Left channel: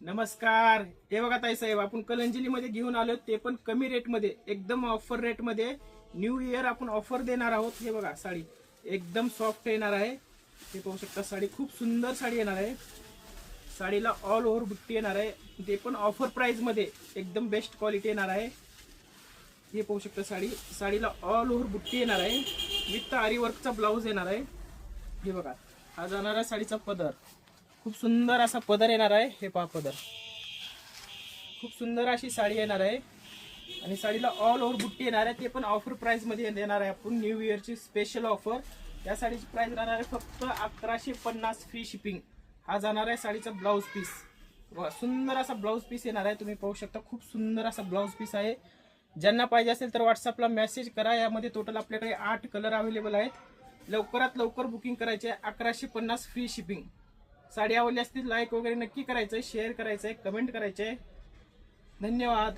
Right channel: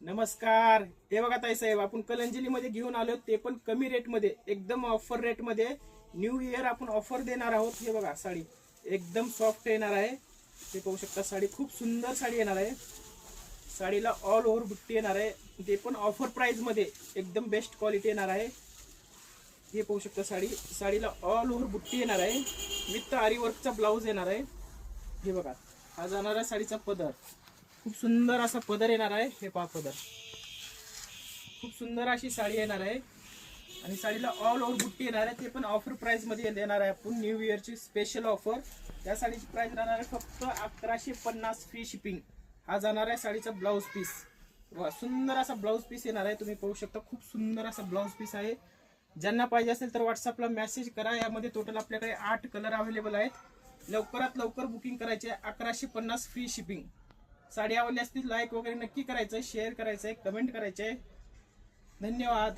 नमस्कार. हे बघा ताई साहेब, आपण कलंजली मध्ये घेऊन आलो, ते पण कमी रेट मध्ये, एकदम ऑफर रेट मध्ये. न्यू इयर आपण ऑफर देणार आहोत. हे बघा साडी एकदम सॉफ्ट येणार आहे. हे पाहू शकता, साडी खूप सुंदर साडी येणार आहे. साडीला ऑल ओव्हर बुट्टी येणार आहे, ते पण ऑफर प्राइस मध्ये एकदम बेस्ट क्वालिटी येणार आहे. हे पाहू शकता, साडीला ऑल ओव्हर बुट्टी येणार आहे, विथ आरी वर्कचा ब्लाऊज येणार आहे. हे बघा, हा जाणार आहे साडीचा पदर. खूप सुंदर असा पदर येणार आहे. हे पहा पदर, खूप सुंदर अशी साडी येणार आहे आणि साडीला ऑल ओव्हर बुट्टी येणार आहे, ते पण ऑफर प्राइस मध्ये देणार आहे आपण. न्यू इयरची स्पेशल ऑफर. या साडीची प्राइस राहणार आहे फक्त 1150 फ्री शिपिंग. हा जाणार आहे साडीचा ब्लाऊज पीस. सुंदर असा ब्लाऊज पीस येणार आहे, तुम्ही पाहू शकता. खूप सुंदर असा ब्लाऊज पीस आहे. ज्यांना पाहिजे असेल तर व्हॉट्सअपला मेसेज करा. यामध्ये टोटल आपल्याकडे 8 कलर अवेलेबल आहेत. लवकरात लवकर बुकिंग करायचे आहे. 1150 फ्री शिपिंग. साडी आवडली असतील लाईक वगैरे नक्की करायचंय, शेअर करायचंय, कमेंट करायचंय. धन्यवाद.